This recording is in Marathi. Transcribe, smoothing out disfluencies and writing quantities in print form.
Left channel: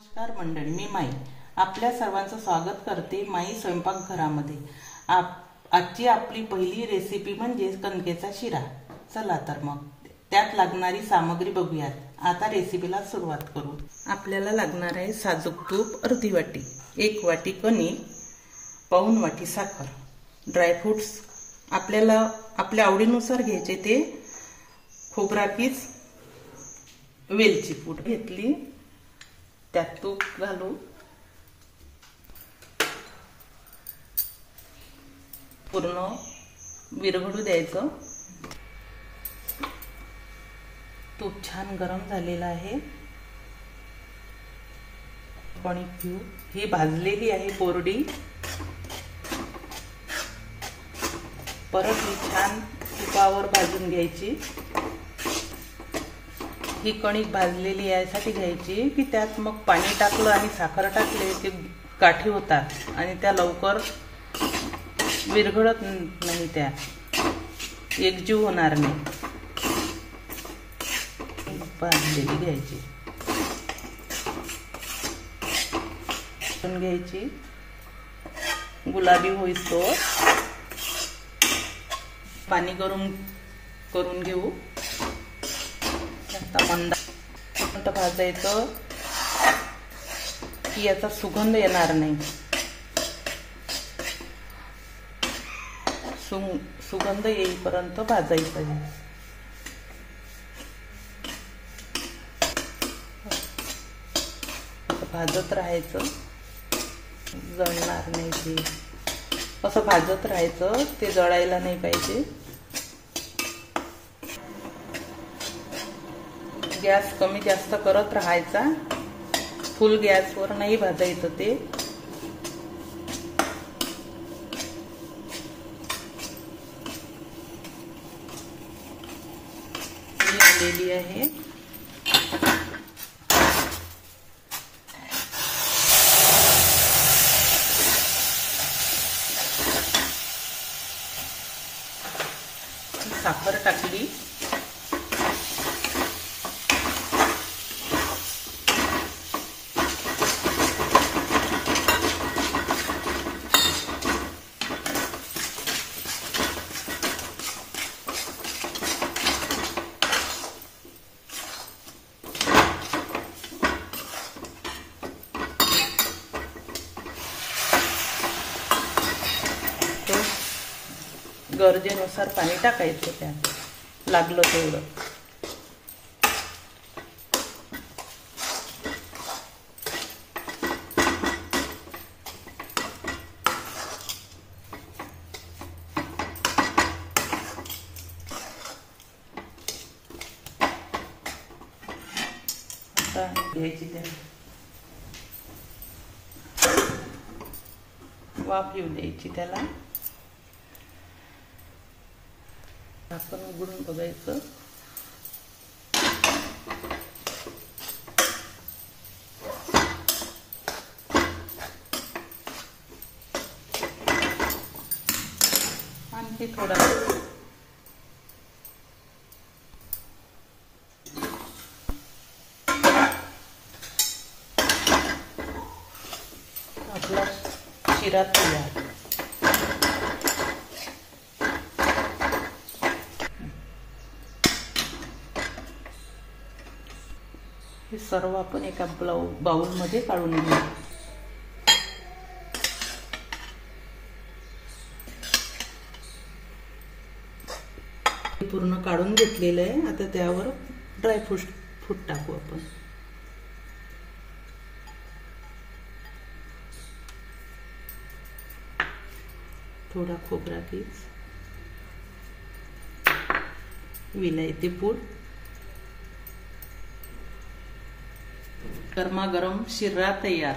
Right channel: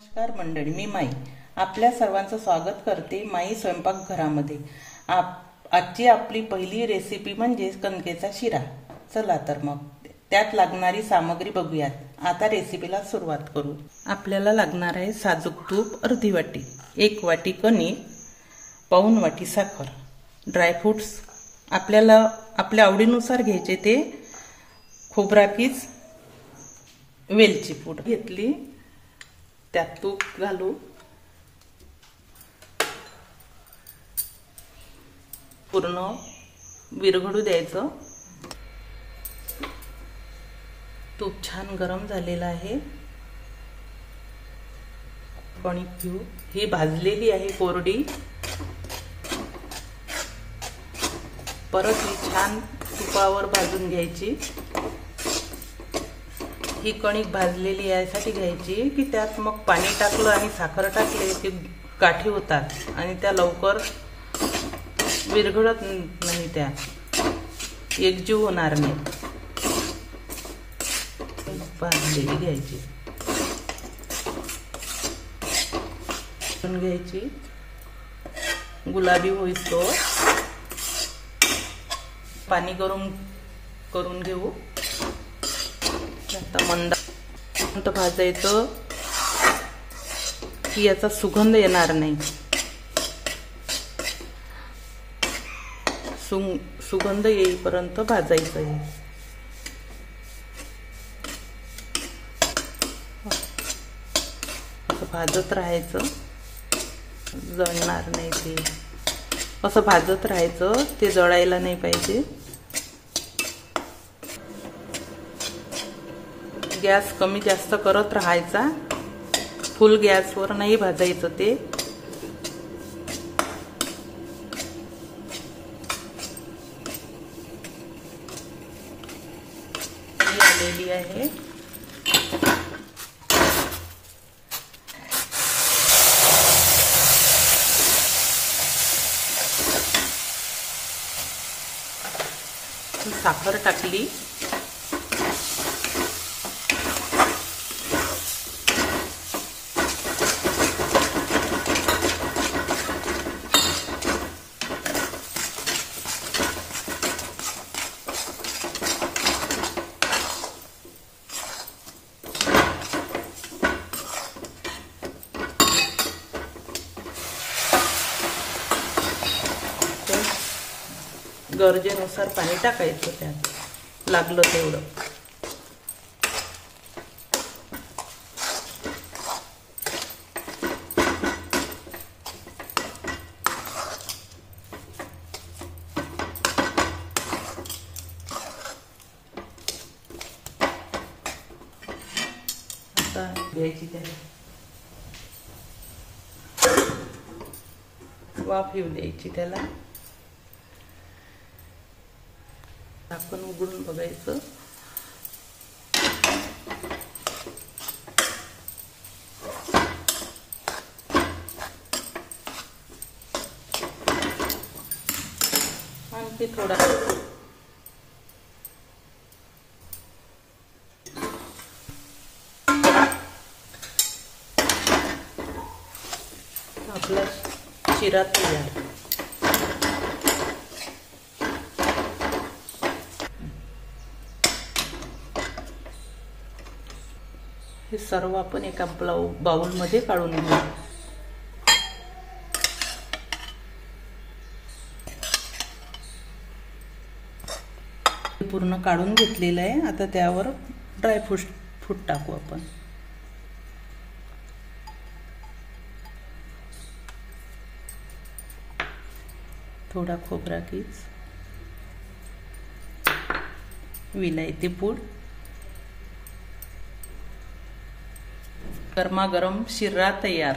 नमस्कार मंडळी, मी माई आपल्या सर्वांचं स्वागत करते माई स्वयंपाकघरामध्ये। आजची आपली पहिली रेसिपी म्हणजे कणकेचा शिरा। चला तर मग त्यात लागणारी सामग्री बघूयात। आता रेसिपीला सुरुवात करू। आपल्याला लागणार आहे साजूक तूप अर्धी वाटी, 1 वाटी कणिक, पाऊण वाटी साखर, ड्रायफ्रुट्स आपल्याला आपल्या आवडीनुसार घ्यायचे ते, खोबरा कीस, वेलची पूड घेतली, त्यात तूप घालू, पूर्ण विरघळू द्यायचं। तूप छान गरम झालेलं आहे। कणिक घेऊ, ही भाजलेली आहे कोरडी, परत ही छान तुपावर भाजून घ्यायची। ही कणिक भाजलेली यासाठी घ्यायची की त्यात मग पाणी टाकलं आणि साखर टाकले की गाठी होतात आणि त्या लवकर विरघळत नाही, त्या एकजीव होणार नाही। भाजलेली घ्यायची, घ्यायची, गुलाबी होईस्तोवर पाणी गरम करून घेऊ। आता मंद भाजायचं की याचा सुगंध येणार नाही। सुगंध येईपर्यंत भाजायचं आहे। असं भाजत राहायचं, जळणार नाही ते। असं भाजत राहायचं, ते जळायला नाही पाहिजे। गॅस कमी जास्त करत राहायचा, फुल गॅसवर नाही भाजायचं ते। आलेली आहे, साखर टाकली, गरजेनुसार पाणी टाकायचं, त्यात लागलं तेवढं। आता घ्यायची, त्याला वाफ येऊ द्यायची, त्याला झाकण उघडून बघायचं। आणखी थोडा आपला शिरा तयार। हे सर्व आपण एका बाउल मध्ये काढून घेऊ। पूर्ण काढून घेतलेलं आहे। आता त्यावर ड्रायफ्रूट टाकू आपण। थोडा खोबरा कीस, विलायती पूड, गरमागरम शिरा तयार।